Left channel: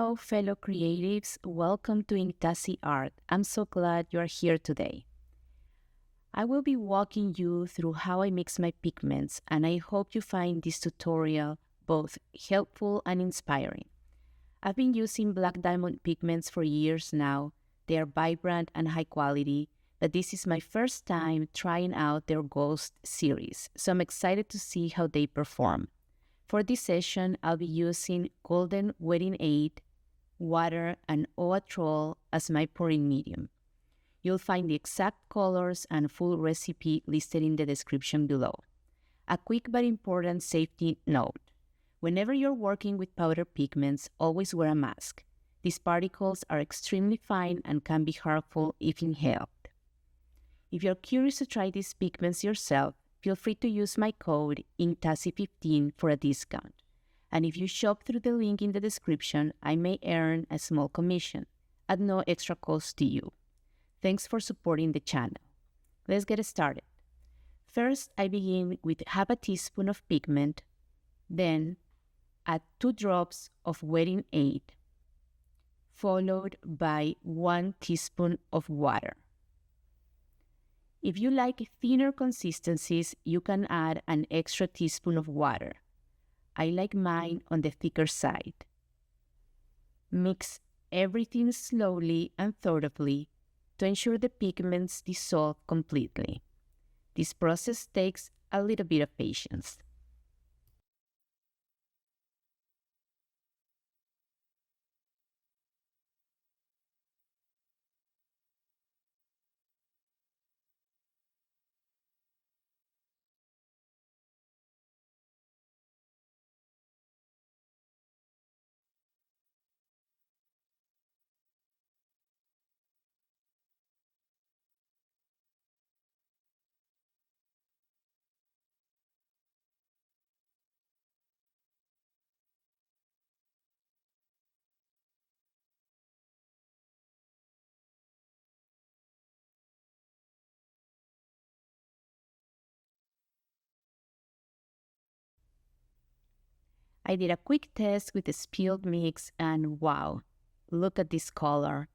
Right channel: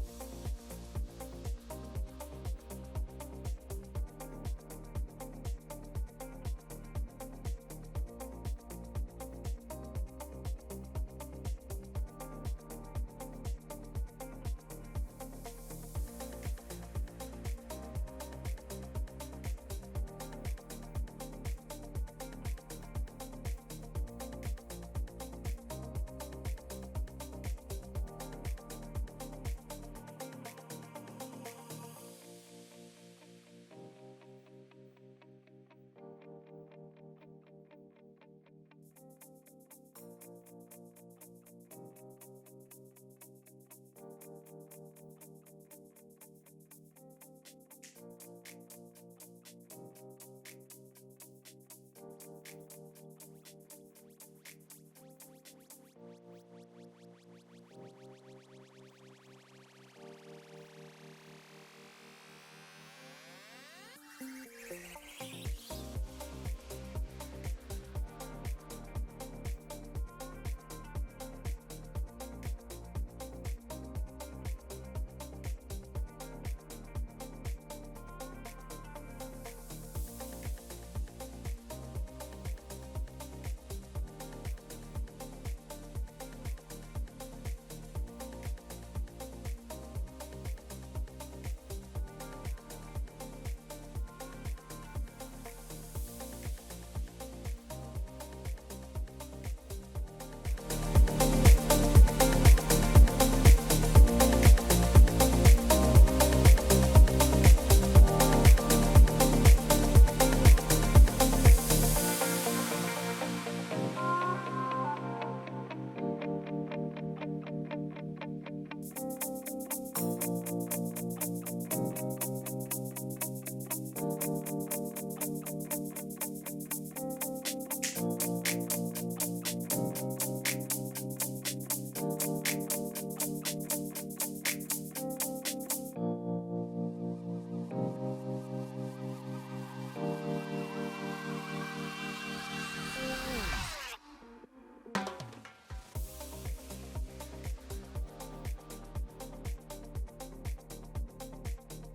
Hello, fellow creatives. Welcome to Inktassi Art. I'm so glad you are here today. I will be walking you through how I mix my pigments, and I hope you find this tutorial both helpful and inspiring. I've been using black diamond pigments for years now. They are vibrant and high quality, but this is my first time trying out their Ghost series, so I'm excited to see how they perform. For this session, I'll be using Golden Wedding 8, water, and Owatrol as my pouring medium. You'll find the exact colors and full recipe listed in the description below. A quick but important safety note. Whenever you're working with powder pigments, always wear a mask. These particles are extremely fine and can be harmful if inhaled. If you're curious to try these pigments yourself, feel free to use my code INKTASSI15 for a discount. And if you shop through the link in the description, I may earn a small commission at no extra cost to you. Thanks for supporting the channel. Let's get started. First, I begin with half a teaspoon of pigment, then add 2 drops of Wedding 8, followed by 1 teaspoon of water. If you like thinner consistencies, you can add an extra teaspoon of water. I like mine on the thicker side. Mix everything slowly and thoroughly to ensure the pigments dissolve completely. This process takes a little bit of patience. I did a quick test with the spilled mix and wow, look at this color.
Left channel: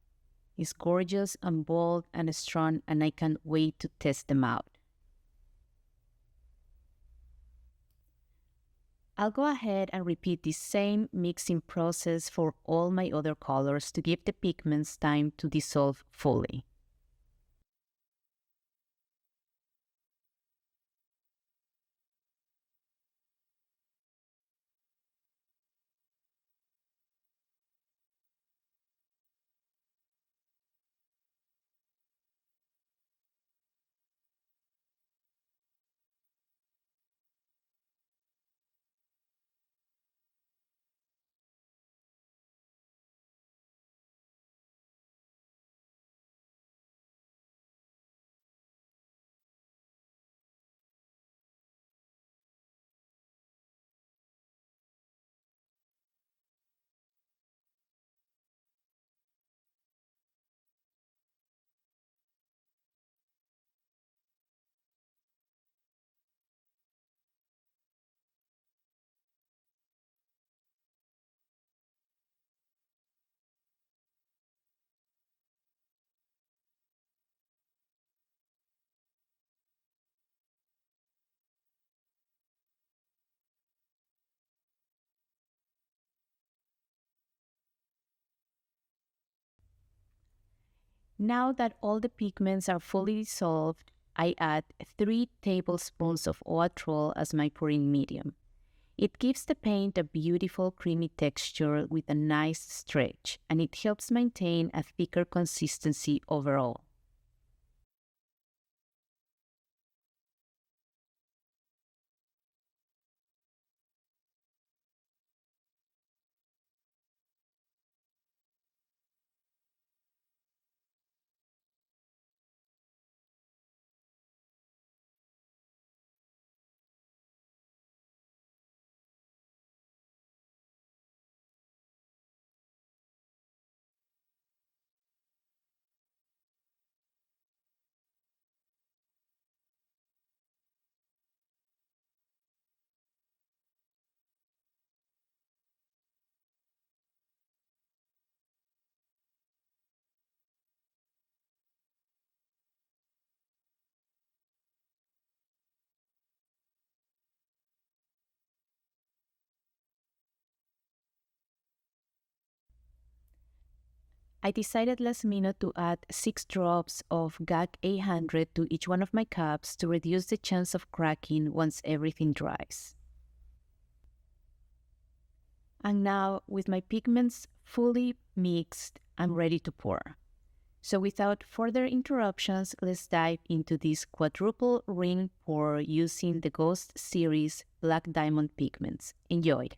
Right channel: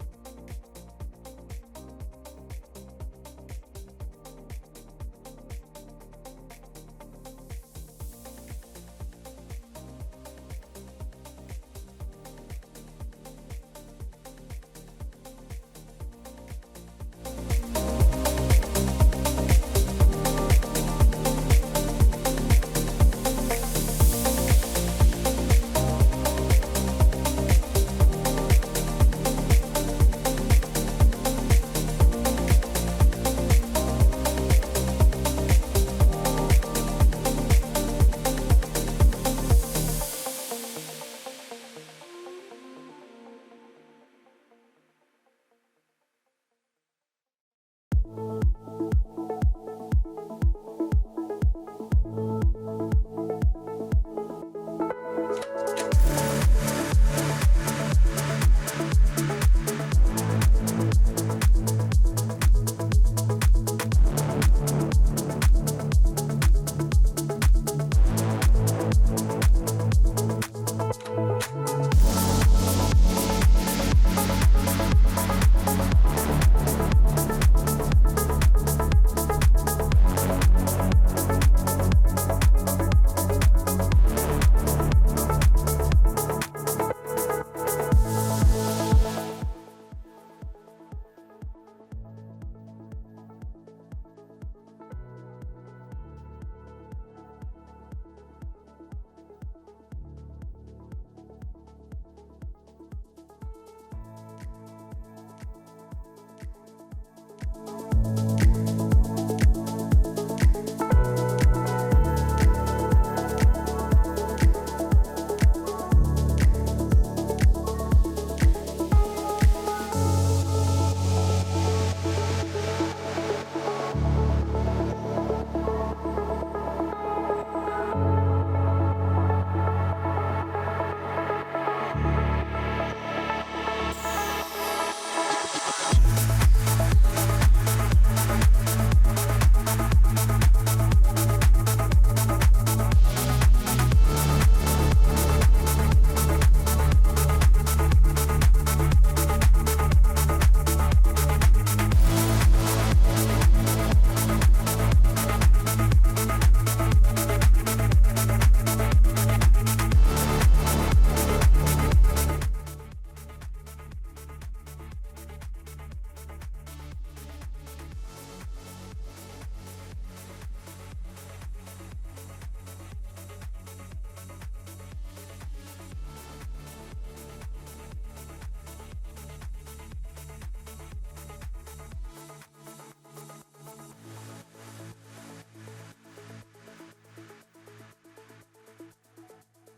It's gorgeous and bold and strong, and I can't wait to test them out. I'll go ahead and repeat the same mixing process for all my other colors to give the pigments time to dissolve fully. Now that all the pigments are fully dissolved, I add 3 tablespoons of Owatrol as my pouring medium. It gives the paint a beautiful creamy texture with a nice stretch, and it helps maintain a thicker consistency overall. I decided last minute to add 6 drops of GAC 800 to each one of my cups to reduce the chance of cracking once everything dries. And now, with my pigments fully mixed, I'm ready to pour. So without further interruptions, let's dive into this quadruple ring pour using the Ghost series Black Diamond pigments. Enjoy!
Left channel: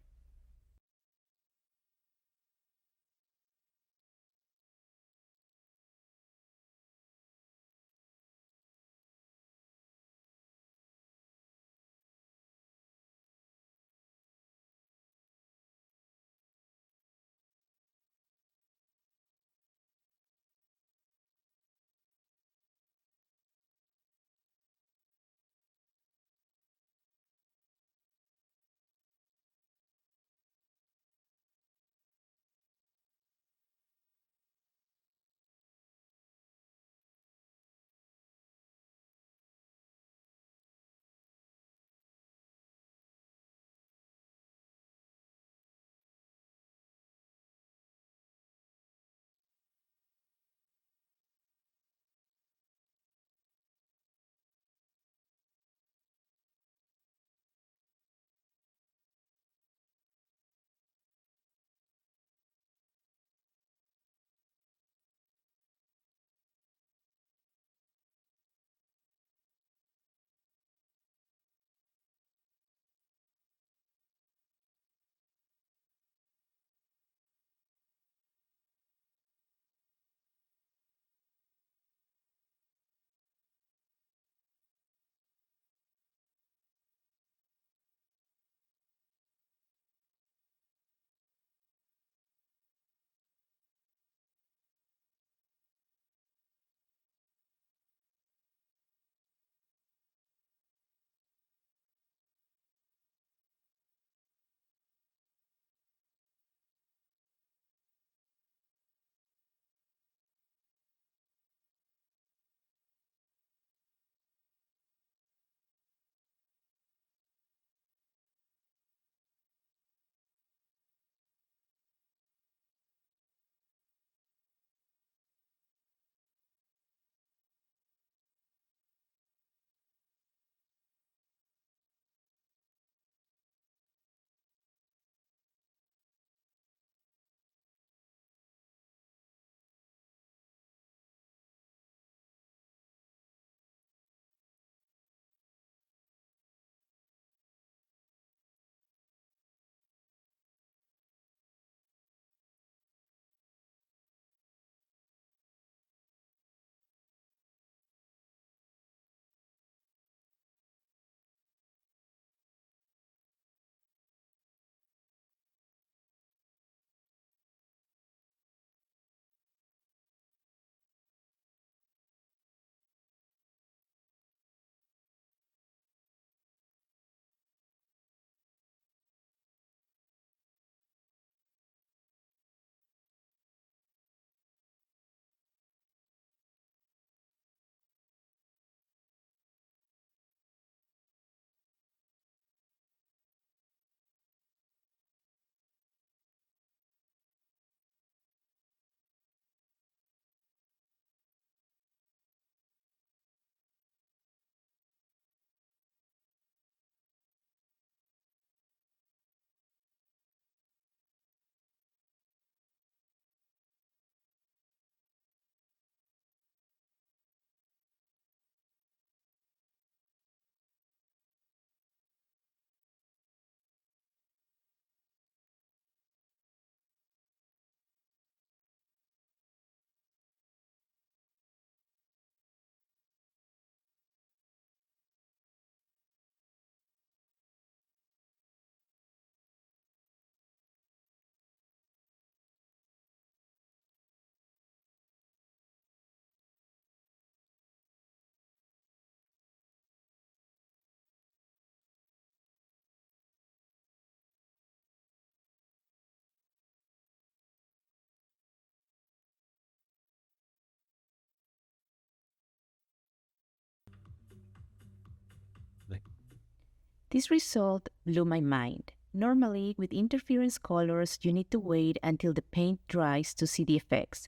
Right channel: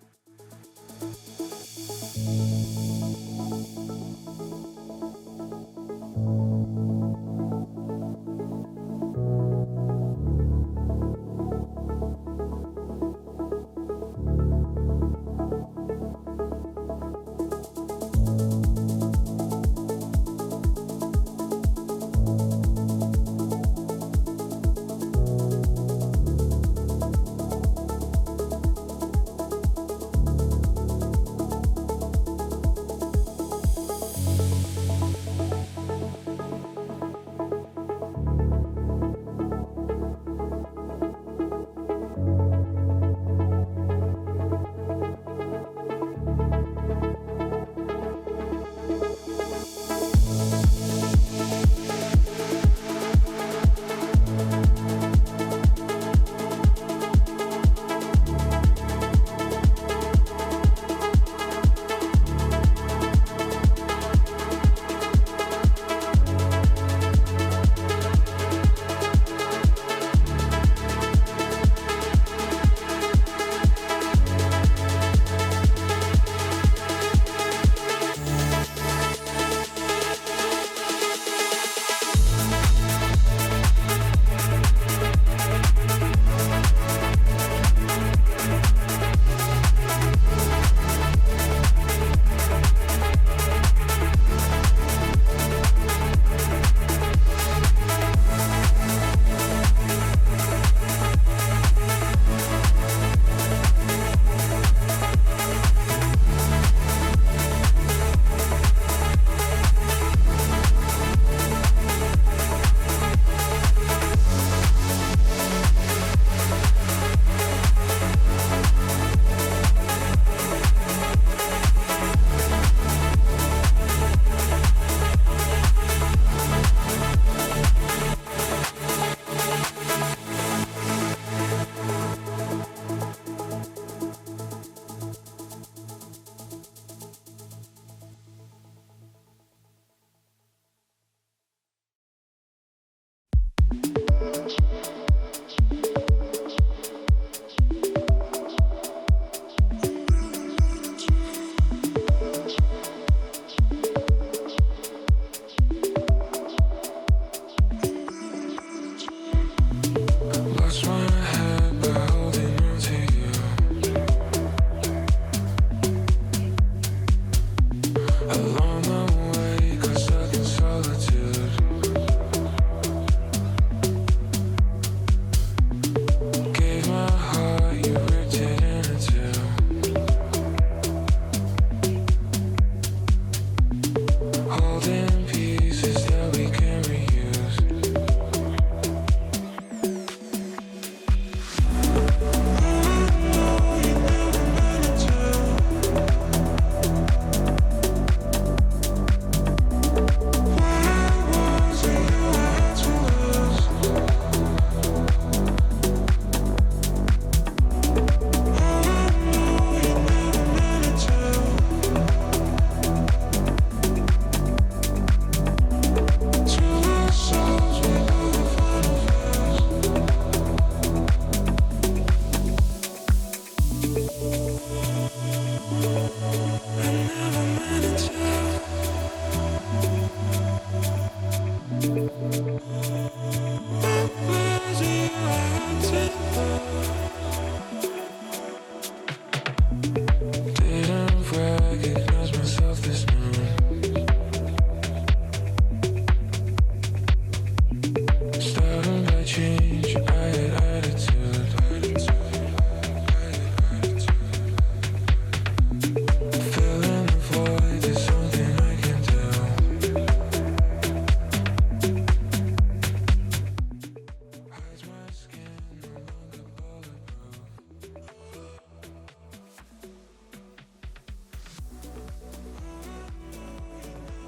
This result blew my mind. Normally, with interference colors, you need to wait until the paint dries to see the effects.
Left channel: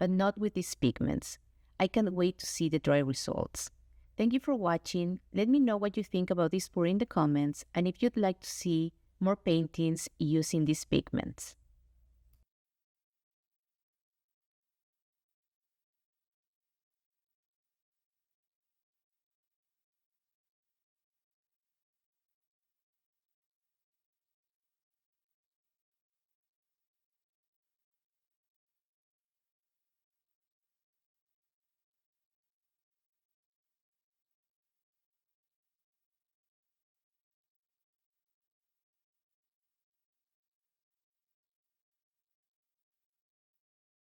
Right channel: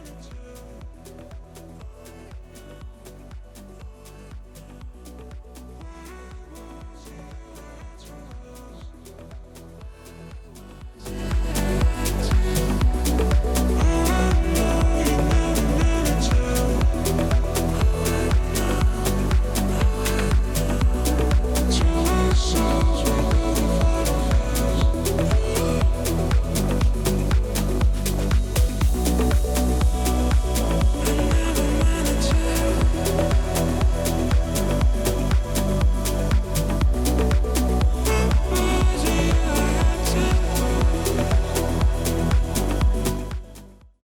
but not with these pigments. I can't wait to see the dry results. Thank you for watching. Let me know what you think about this pour in the comments, and if you'd like to see more paintings using these pigments.